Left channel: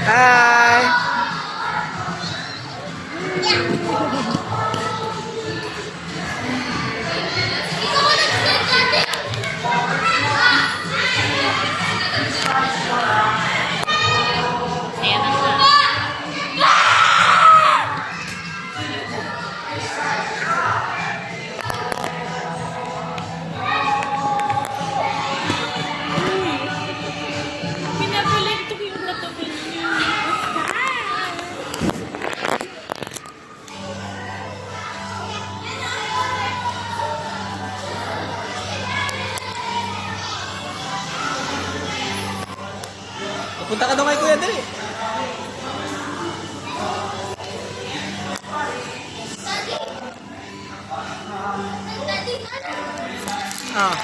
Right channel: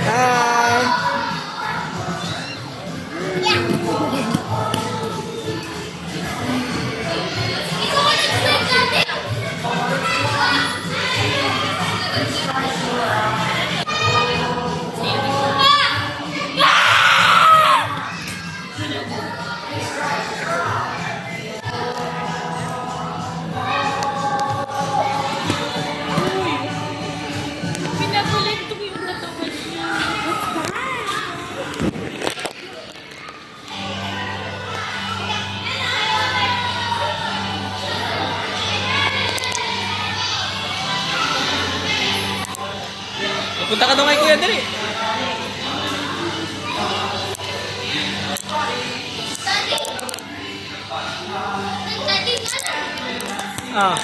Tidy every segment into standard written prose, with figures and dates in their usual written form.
Hi! Punta ka doon kay Kuya, dali. Ah.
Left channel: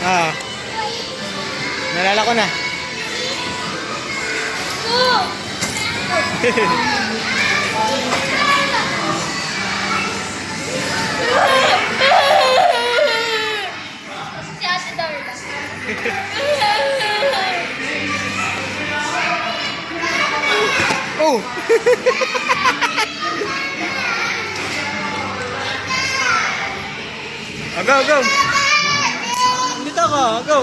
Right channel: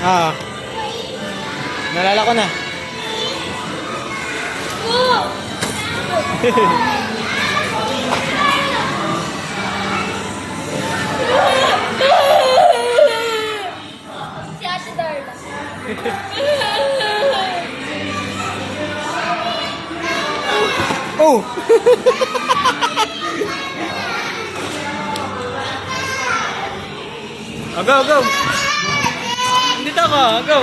Ah. Nalala ko na. Si Ate Darla. Oh. Oh, go, go. Dito ako, go.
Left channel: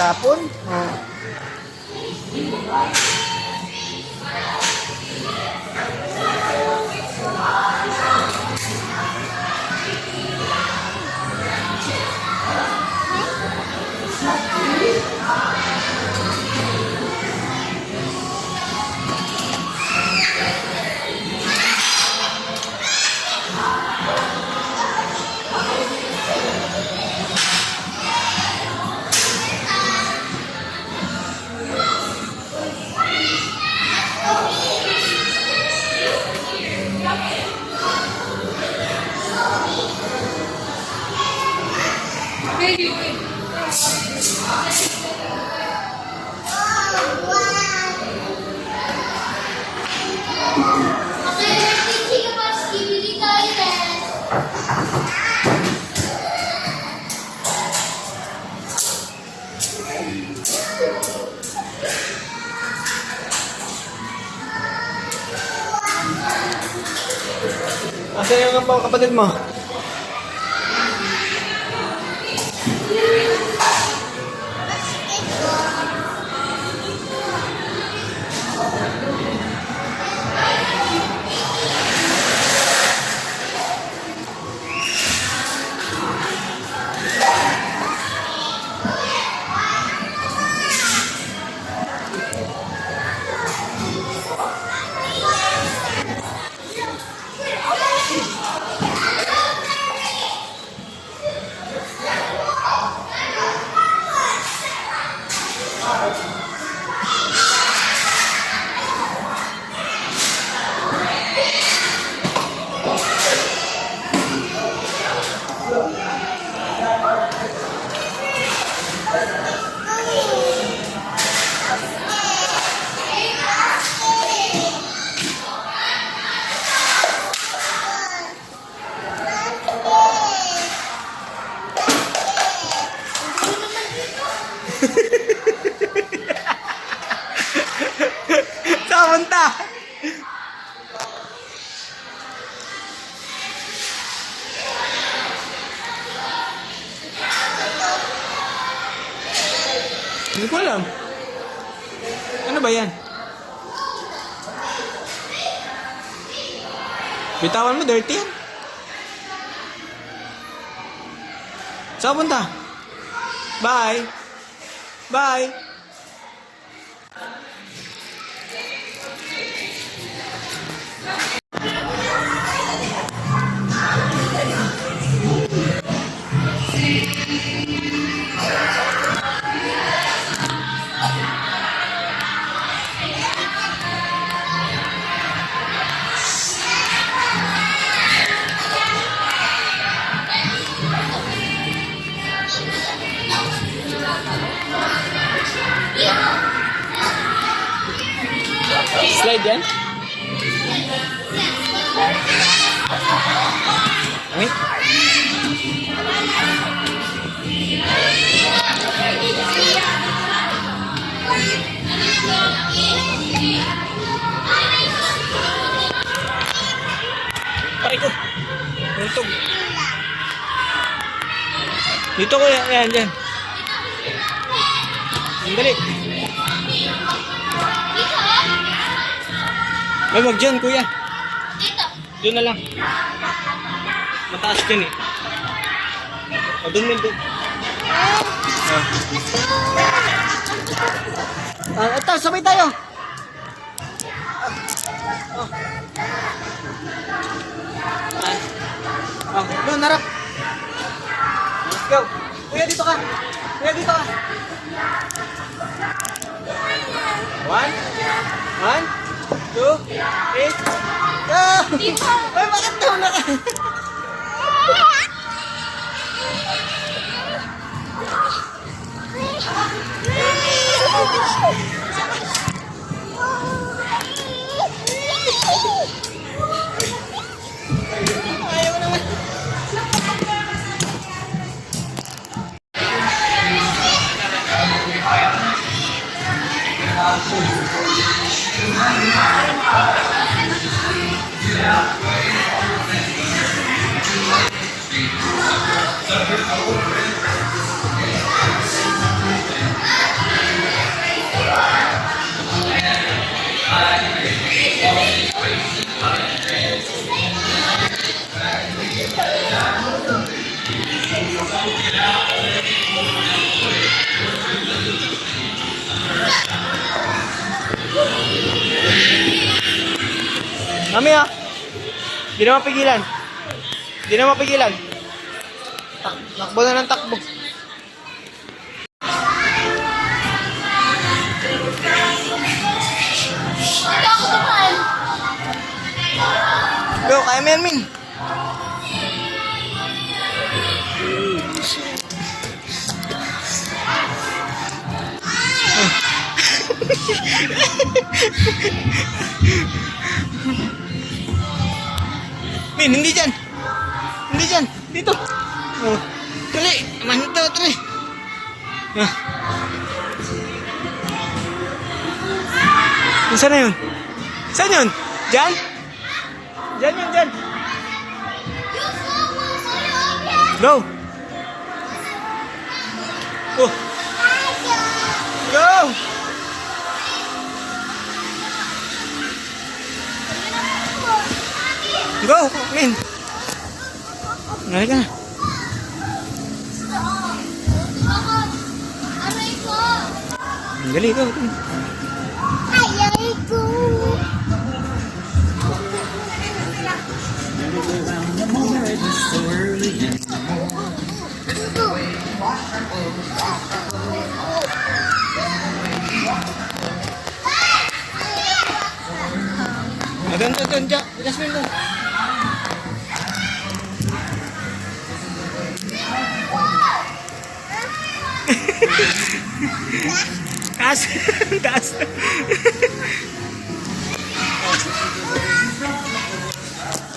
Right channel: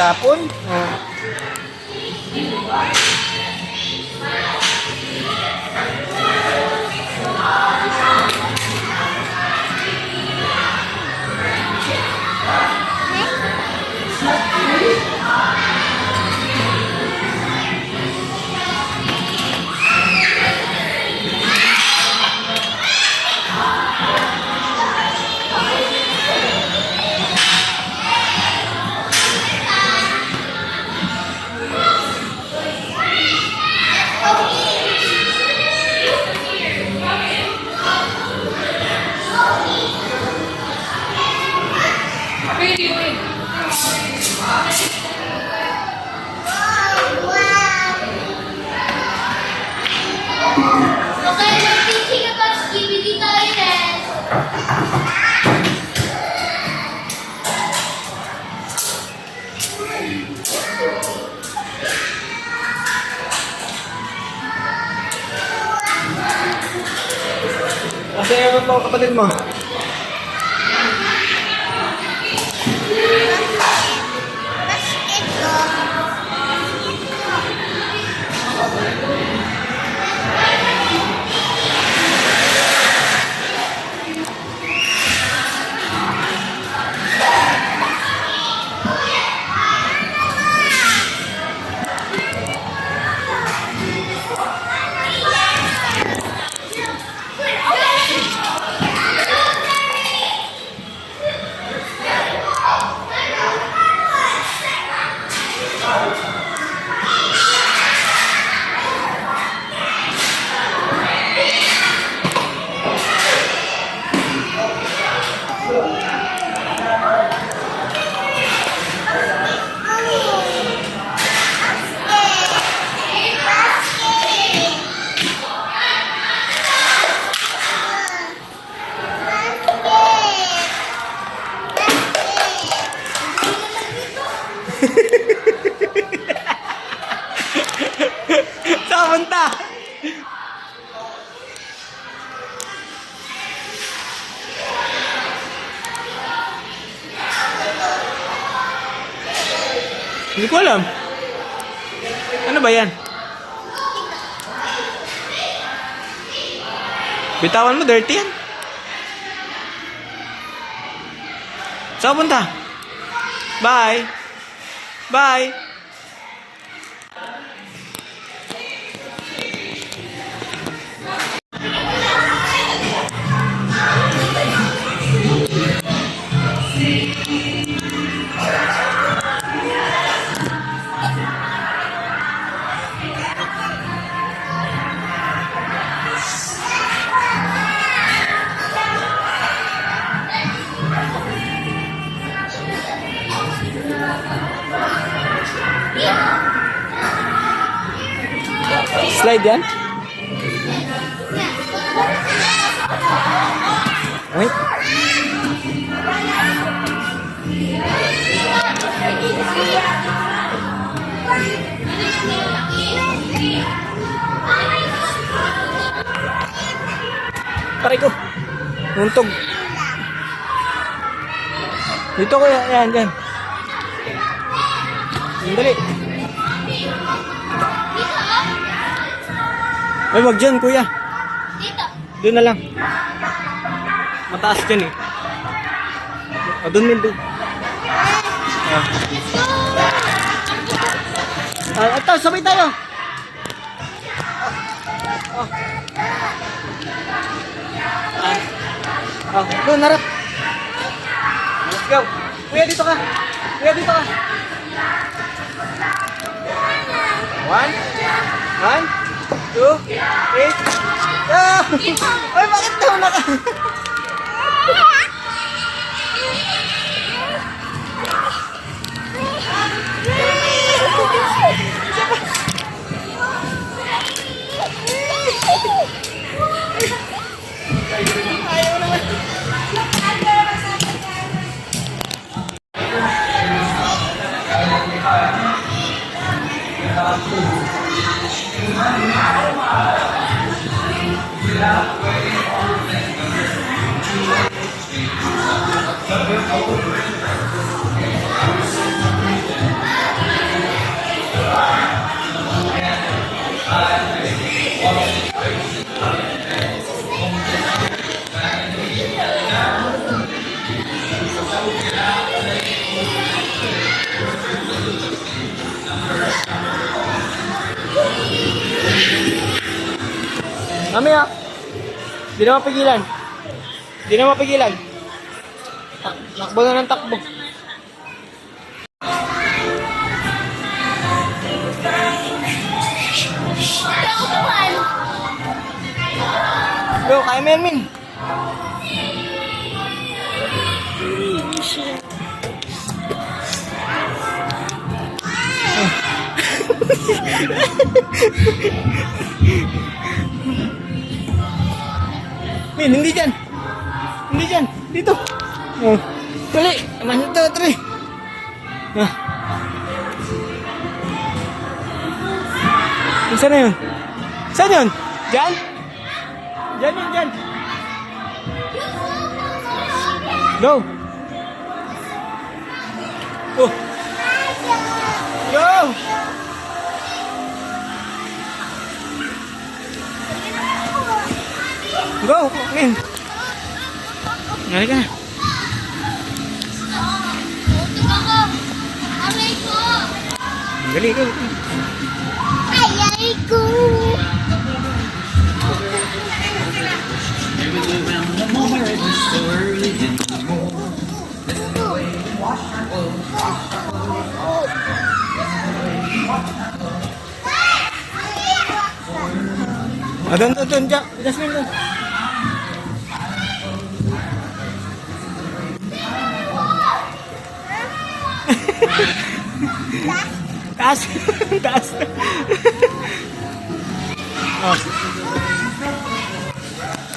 Tapon? Oh. Okay, let's thinking about Skibidi Toilet. Asa yung mga kapatid mo? Hindi ko alam. Ano ba yan? Bitawan mo, dirty yan. Saan punta? Bye. Bye. Slide yan? Wait. Pare ko. Untog. Dito ko yan. Yan, dyan. Dali. Ay, wag dyan, kuya. Dito. Doon na lang. Mataas dyan eh. O, doon din, doon. Ito, sabay tayo. Doon, harap. Let's go. Kuya, dito ka. Kuya, dito ka. One. 2, 3. Go! Ay, bakit daw na ka? Mami ah. Di na mapigilan. Di na mapigilan. Takbo na ng takbo. Go, kaya mo yan, Min. Min, hindi dyan. Hindi dyan. Dito. Oh. Dali. 1, 2, 3. Ah. Saan na yun? Saan yun? Dyan? Dyan yun, dyan. Go. Oh. Go. Go, Min. Ngali ka na. Ngali ka. Ayay ko. Doon, Jasmine, doon. Taas. Taas.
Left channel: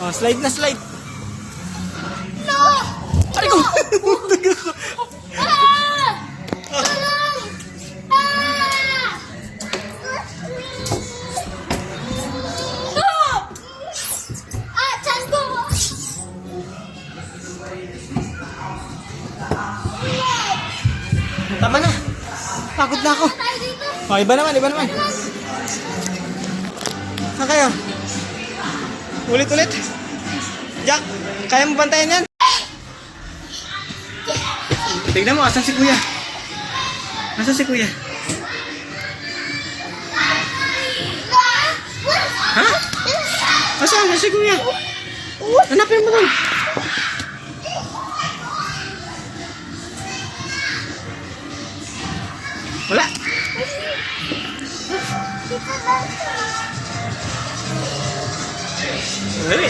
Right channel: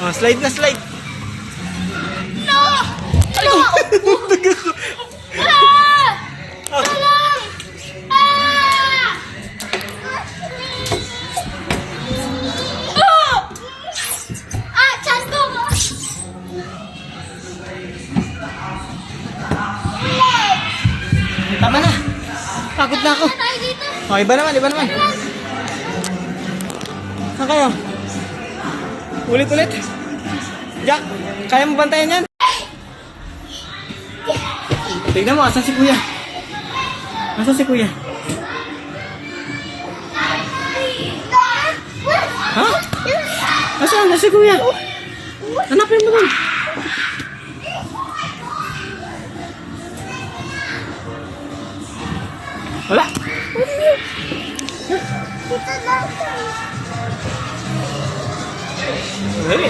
Oh, slide na slide. No! Ano? Ah! Tulong! Ah! Ah! Tiyan ko! Tama na. pagod na ako. Tayo dito. Oh, iba naman, iba naman. Saan kayo? Ulit-ulit. Jack, kaya mo bantayan yan? Tignan mo, asan si kuya? Asan si kuya? Ha? Asan si kuya? Hanapin mo doon. Wala. Dali.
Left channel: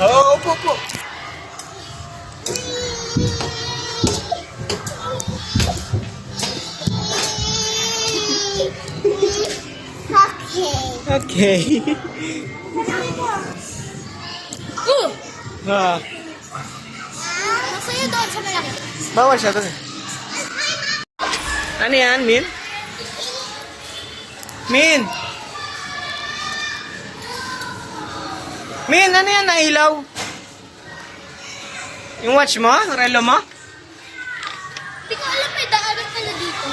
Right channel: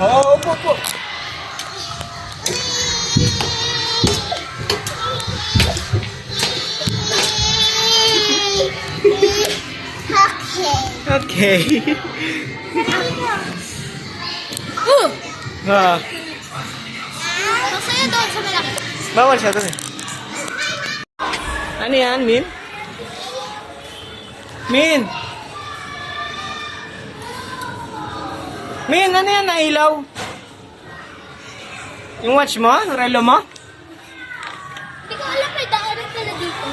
Oo, opo, opo. Okay. Ah, Masaya tayo sa malaki. bawal siya to. Ano yan, Min? Min! Min, ano yan? Nailaw? Yung watch mo? Yung relo mo? Hindi ko alam may daanan pala dito.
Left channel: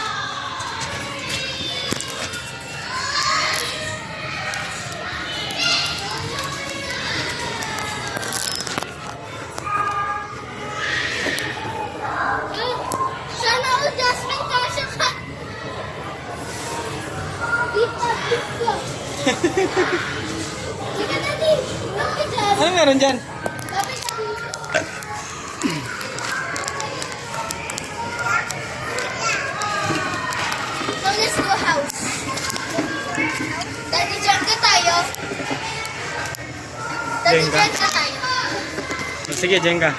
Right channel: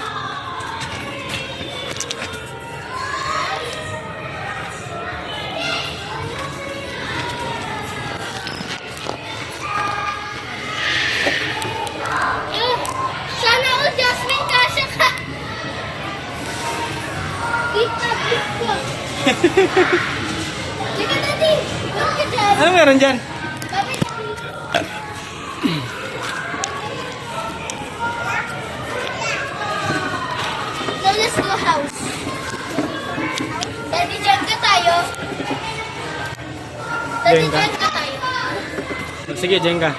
Sana all Jasmine kasya ka. Dito, dito. Teka, Daddy. Huwag ka dyan. Ano meron dyan? Babay ka dito. So, let's go house. Daddy, dyan ka tayo. Daddy, Jenga. dyan ka tayo. Sige, Jenga.